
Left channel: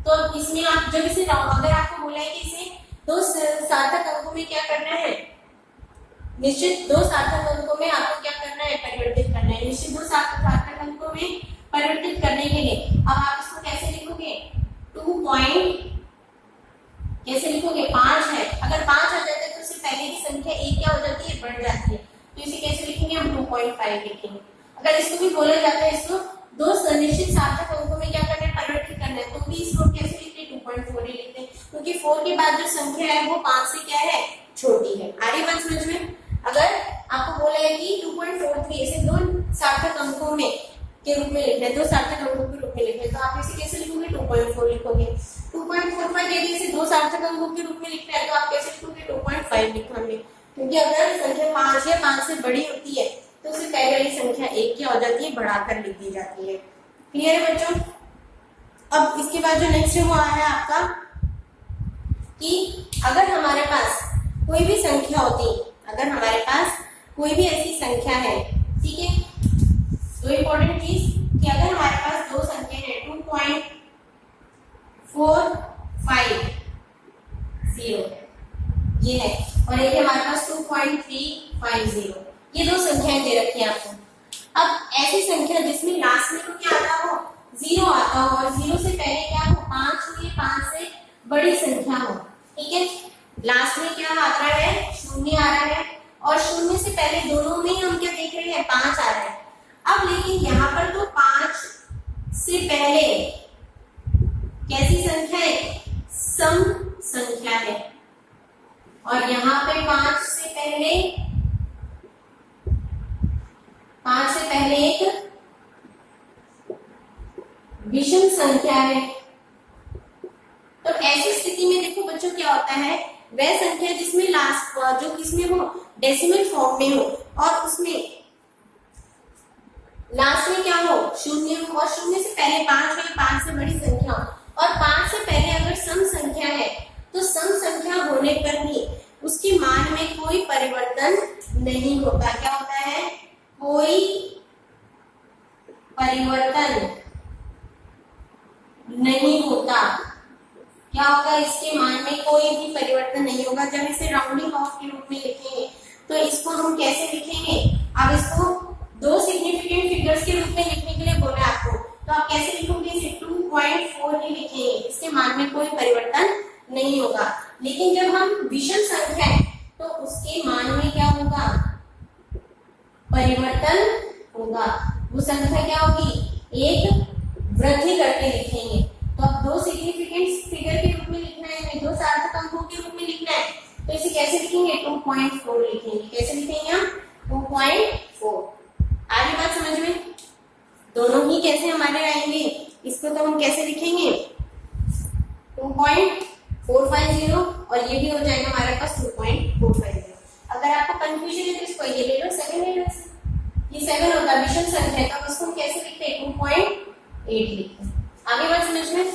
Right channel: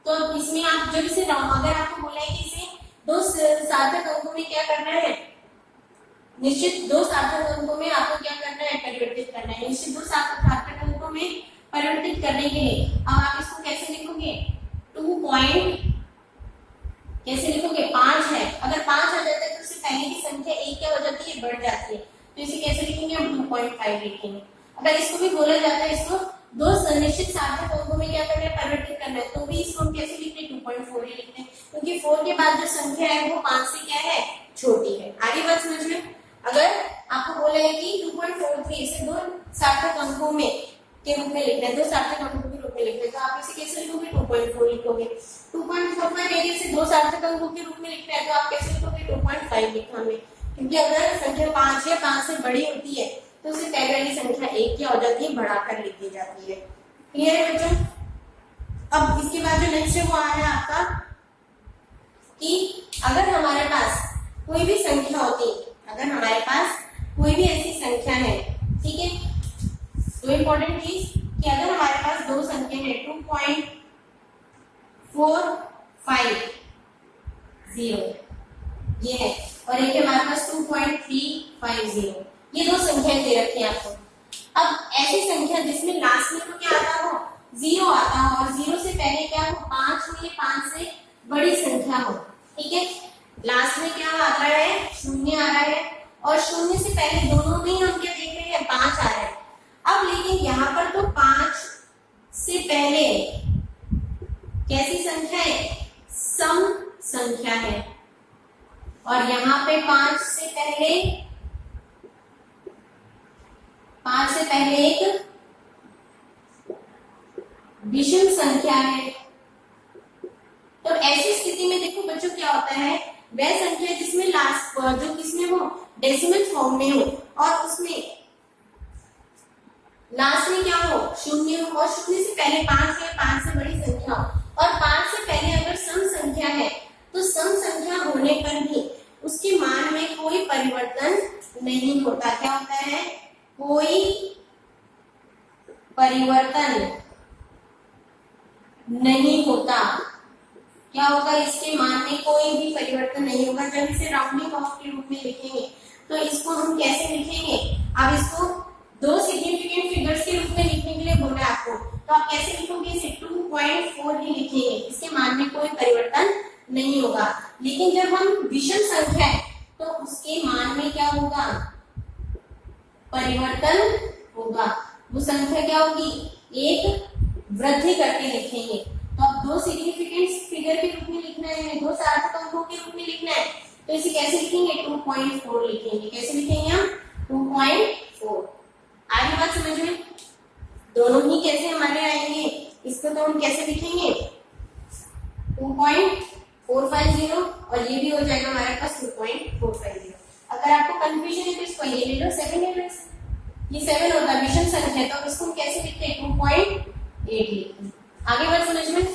तो इसमें आप जब इसे अगर आपको बोला है कि इसे 2 सार्थक अंकों में क्या करना है, निश्चित 2 सार्थक अंकों में आपको क्या करना है, परिवर्तित करना है। निश्चित 2 सार्थक अंकों में परिवर्तित करने के लिए अब आप इसको कैसे लिखोगे, 5 है, अगर 5 आ जाता है तो उससे पहले की संख्या 1 क्या हो जाती है, बढ़ जाती है, तो इसे कैसे लिखेंगे हम, 2.5 लिखेंगे। अगर इसको भी बोला जाता है, इसको 2 निश्चित सार्थक अंकों में क्या करना है, परिवर्तित करना है, तो भी इसको कैसे लिखते हैं, 2.4 ही लिखते हैं, क्योंकि 4 के बाद जो संख्या है वो 5 से क्या है, छोटी है। आ रही बात समझ में। अगर आपको बोला है कि 2.43 इसे 2 सार्थक अंकों में के रूप में लिखना है, 2 सार्थक अंकों के रूप में लिखना है, तो आप इसे कैसे लिखोगे, 2.4 लिखोगे। 2.45 यदि इसे 2 सार्थक अंकों के रूप में लिखना है, तो आप कैसे लिखोगे, 2.5 लिखोगे, क्योंकि अगर संख्या 5 है, 5 से बड़ी होती है, तो उससे पहले वाली संख्या 1 क्या हो जाती है, बढ़ाकर लिख दी जाती है। क्लियर है बच्चों। अब इसके बाद जो नेक्स्ट है वो आ रहा है आपका कि अगर हमारे पास कोई भी संख्या होती, अगर हमारे पास कोई भी ऐसी संख्या है, ठीक है, तो इम्पोर्टेंट चीज कि अगर हमारे पास 2 संख्या है, 2.450 ये है, और एक हमारे पास 2.350, ये 2 संख्याएं दे रखी है आपको। अब ऐसी संख्या जिसमें लास्ट में तो क्या आता हो, 0 आता हो, और 0 से पहले क्या हो, 5 हो, ये 5 से बड़ी संख्या हो, ठीक है। लास्ट में क्या आ रहा है, 0 आ रहा है, और 0 से पहले दोनों में ही हम क्या देख रहे हैं, 5 आ रहा है। अब लेकिन यहाँ पर तो 5 से पहले कैसी संख्या है, सम संख्या है, और यहाँ पे 5 से पहले एक विषम संख्या है। तो ऐसी स्थिति में देखो बच्चों क्या होता है, वह संख्या जिसमें लास्ट जो किसमें हो, डेसिमल फॉर्म में हो, और उसमें लास्ट में क्या हो, 0 हो, और 0 से पहले 5 हो, 5 से बड़ी संख्या हो, और 5 से पहले अगर सम संख्या है, तो सम संख्या होने पर भी उसके मान में कोई परिवर्तन नहीं होता। क्या होता है, कोई परिवर्तन नहीं होता। क्या होगा, इसके मान में कोई भी परिवर्तन नहीं होगा। जब इसे राउंडिंग ऑफ के रूप में लिखेंगे, तो इसको हम कैसे लिखेंगे, अब इसको 2 सिग्निफिकेंट फिगर्स के रूप में लिखने के लिए बोला आपको, तो आप कैसे लिखोगे, इसे 2.4 ही लिखेंगे, इसके मान में कोई परिवर्तन नहीं होगा। लेकिन जब हम विषम संख्या है, तो उसके मान में क्या होगा, परिवर्तन होगा। वो संख्या क्या होगी, एक वृद्धि करके लिखेंगे। तो अब 2 सिग्निफिकेंट फिगर के रूप में लिखना है, 2 सार्थक अंकों के रूप में लिखना है, तो इसे कैसे लिखेंगे, 2.4 लिखेंगे। कैसे लिखेंगे हम, 2.4। आगे बात समझ में, दोनों ही कैसे हमारे आएंगे, इसको तो हम कैसे लिखेंगे, 2.450, और ये भी हो जाएगा हमारे पास 2.450। अगर अगर आपको कंफ्यूजन है तो इसको ये ले लो 7 ले लो, ये 7 होता है विषम संख्या है तो अब इसको हम कैसे लिखते हैं 2.8 लिखते हैं। आगे बात समझ में,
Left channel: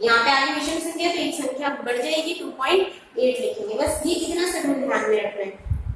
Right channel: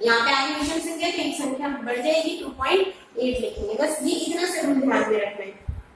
यहाँ पे आगे विषम संख्या तो एक संख्या बढ़ जाएगी 2.8 लिखेंगे, बस ये इतना सा रूल ध्यान में रखना है,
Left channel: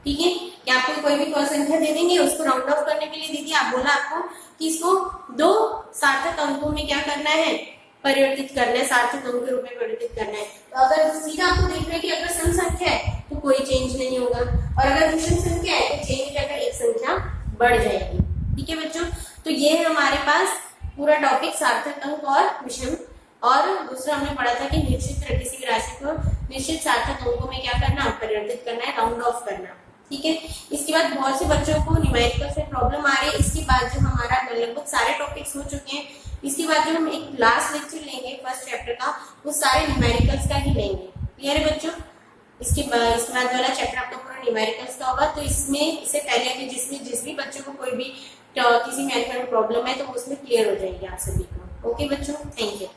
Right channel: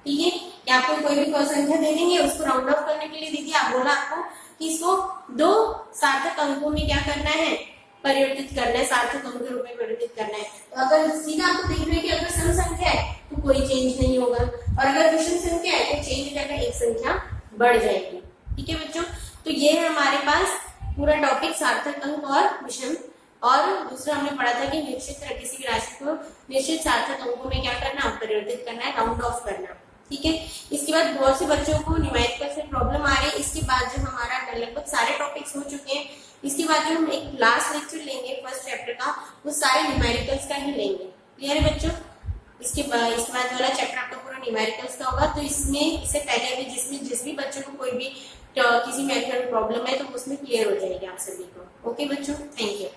ठीक है। कि आपको कोई भी संख्या दे देंगे उसको राउंड ऑफ करने के लिए देखिए आप बोला आपको कि इसको 2 सार्थक अंकों में क्या करना है, परिवर्तित करना है, सार्थक अंक के रूप में परिवर्तित करना है। तो अगर सीधा आपको देख रहे हैं कि अगर सम संख्या है तो कोई चेंज नहीं होगा, और अगर विषम संख्या है तो चेंज हो जाएगा, एक संख्या बढ़ जाएगी, ठीक है बच्चों। तो ये है हमारे पास पूरा टॉपिक सार्थक अंक और विषम। और दूसरा हमने पढ़ा था कि निश्चित किसी राशि को निश्चित सार्थक अंकों में क्या करना, परिवर्तित करना है, राउंड ऑफ करना, ठीक है। इसके बाद बहुत से बच्चों को न्यूमेरिकल से प्रॉब्लम आ रही है। इसके बाद जो हमारा लगभग सारे टॉपिक्स हो चुके हैं, इसके बाद जो हम एक लास्ट लेक्चर लेंगे फर्स्ट चैप्टर का, वो सारे न्यूमेरिकल्स का ही लेंगे, क्लियर है बच्चों। इसके बाद वाला चैप्टर आपका पूरा न्यूमेरिकल्स का होगा। तो इसमें इससे पहले अभी जिस भी बच्चों को कोई भी किसी मैथ में प्रॉब्लम है तो वो उसमें क्लियर हो जाएगी आप सभी को। ओके बच्चों, थैंक यू।